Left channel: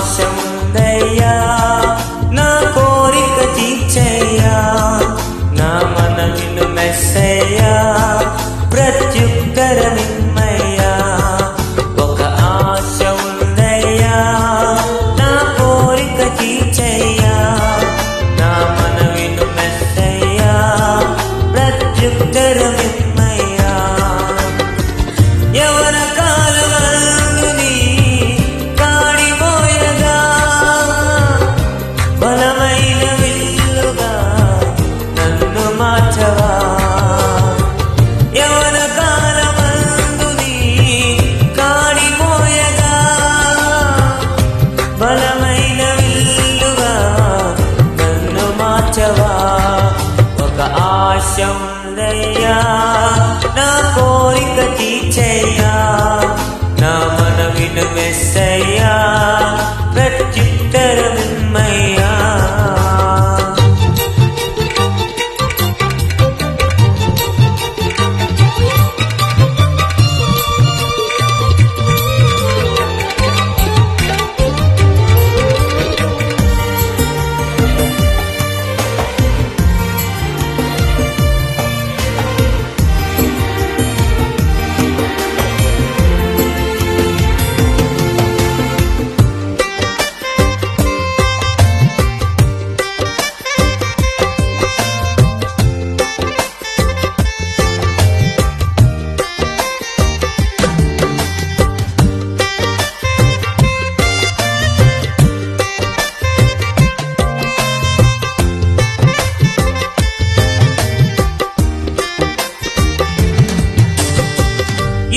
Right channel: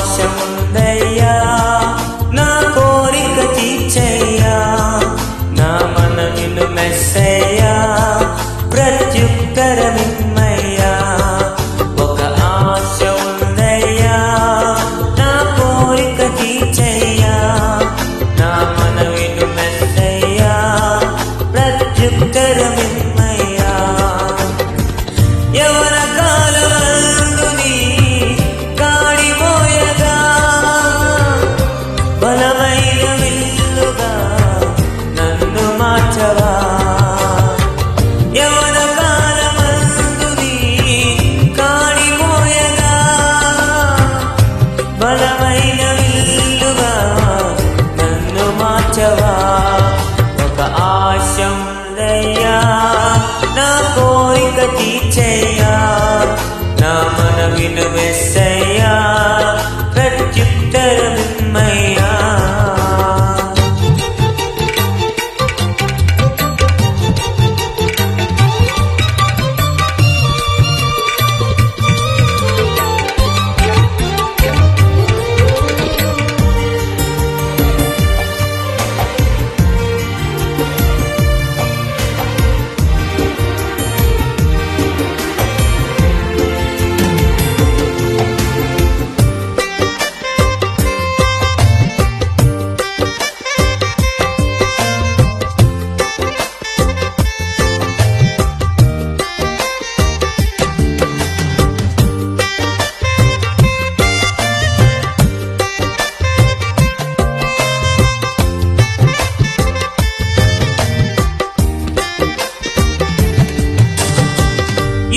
ఆశ ఉందయ్యా, నా కోరిక తీర్చయ్యా, నా మనవిను మెస్సయ్యా, ప్రత్యుత్తరమిమ్మయ్యా. ఒక ఆశ ఉందయ్యా, నా కోరిక తీర్చయ్యా, నా మనవిను మెస్సయ్యా, ప్రత్యుత్తరమిమ్మయ్యా. యవన కాలమందుని కాడిమోయగా, బలమైన విల్లుగా నన్ను మార్చవా. యవన కాలమందుని కాడిమోయగా, బలమైన విల్లుగా నన్ను మార్చవా. ఒక ఆశ ఉందయ్యా, నా కోరిక తీర్చయ్యా, నా మనవిను మెస్సయ్యా, ప్రత్యుత్తరమిమ్మయ్యా.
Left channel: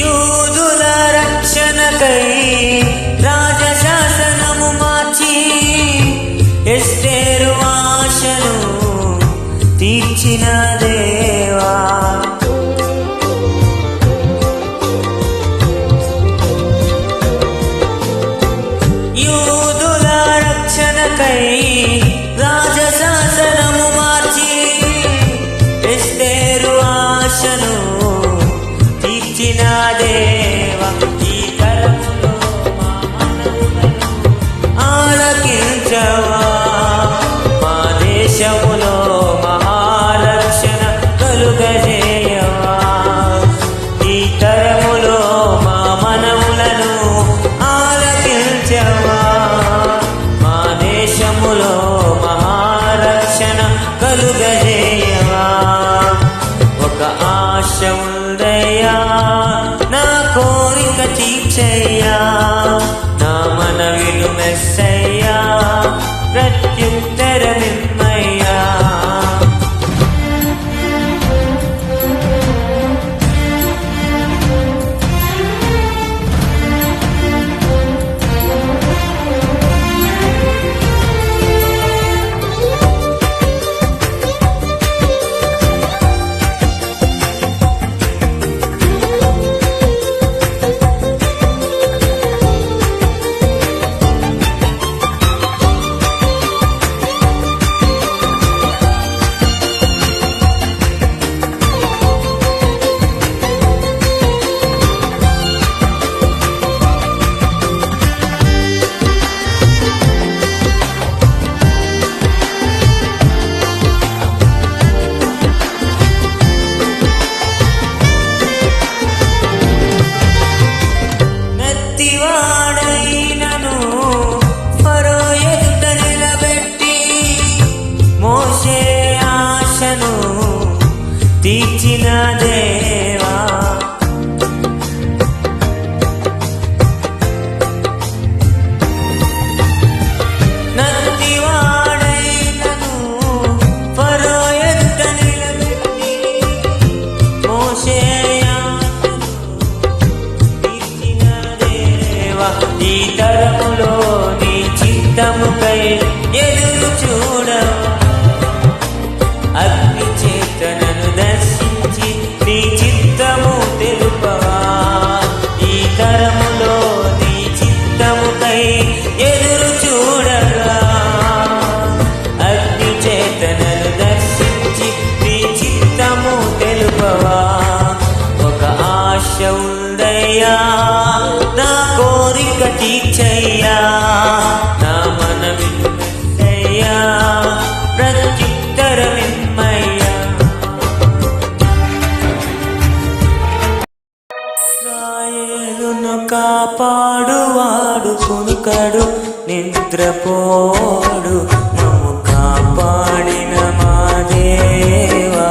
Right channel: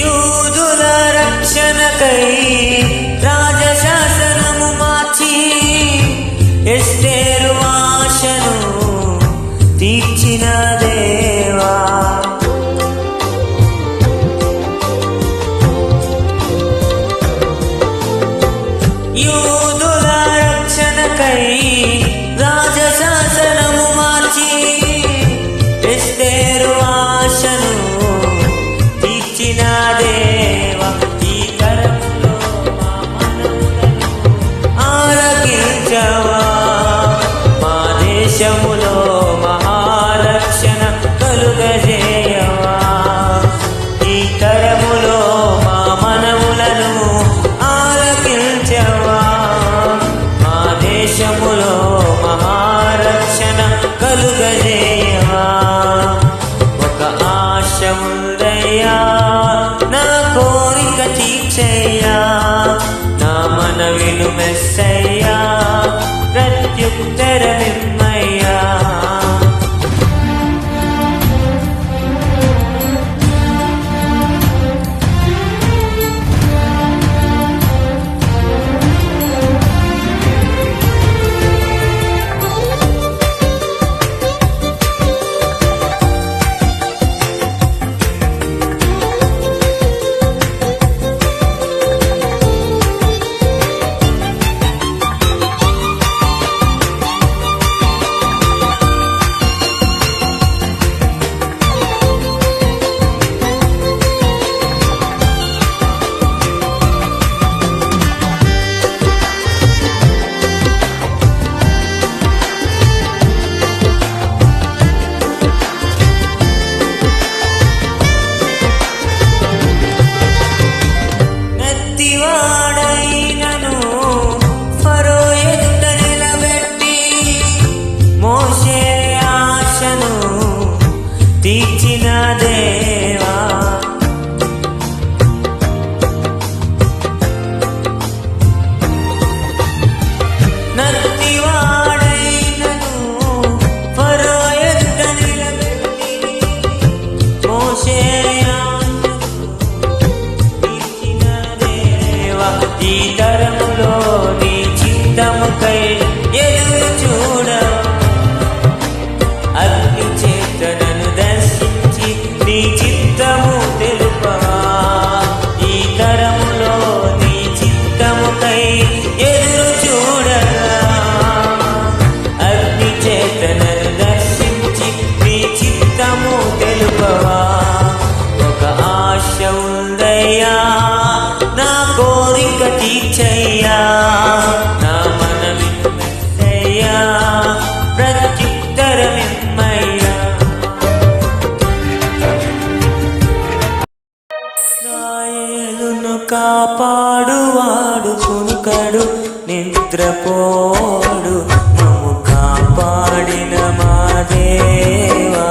యూదుల రక్షణకై రాజశాసనము మార్చి, ఎస్తేరు ఆశను తీర్చిన దేవా. యూదుల రక్షణకై రాజశాసనము మార్చి, ఎస్తేరు ఆశను తీర్చిన దేవా. ఈ తరములో మా మనవులను ఆలకించవా, మా దేశములో మహారక్షణ కలుగజేయవా. ఈ తరములో మా మనవులను ఆలకించవా, మా దేశములో మహారక్షణ కలుగజేయవా. ఒక ఆశ ఉందయ్యా, నా కోరిక తీర్చయ్యా, నా మనవిను మెస్సయ్యా, ప్రత్యుత్తరమిమ్మయ్యా. వాడైనను ఫరో ఎదుట నిలబెట్టి, మోషే ఆశను తీర్చిన దేవా. నత్తి వాడైనను ఫరో ఎదుట నిలబెట్టి, మోషే ఈ తరములో నీ చిత్తముకై ఎదురు చూడవా. అగ్ని చేతనను దర్శించి నీ చిత్తము తెలుపవా. ఈ తరములో నీ చిత్తముకై ఎదురు చూడగా, అగ్ని చేతనను దర్శించి నీ చిత్తము తెలుపవా. ఒక ఆశ ఉందయ్యా నా కోరిక తీర్చయ్యా నా మనవిను మెత్తయ్యా ప్రత్యుత్తరమిమ్మయ్యా ఇశ్రాయేలును కాపాడువాడు కునుకడు నిద్రపోడు మమ్ము కాపాడిన మా దేవా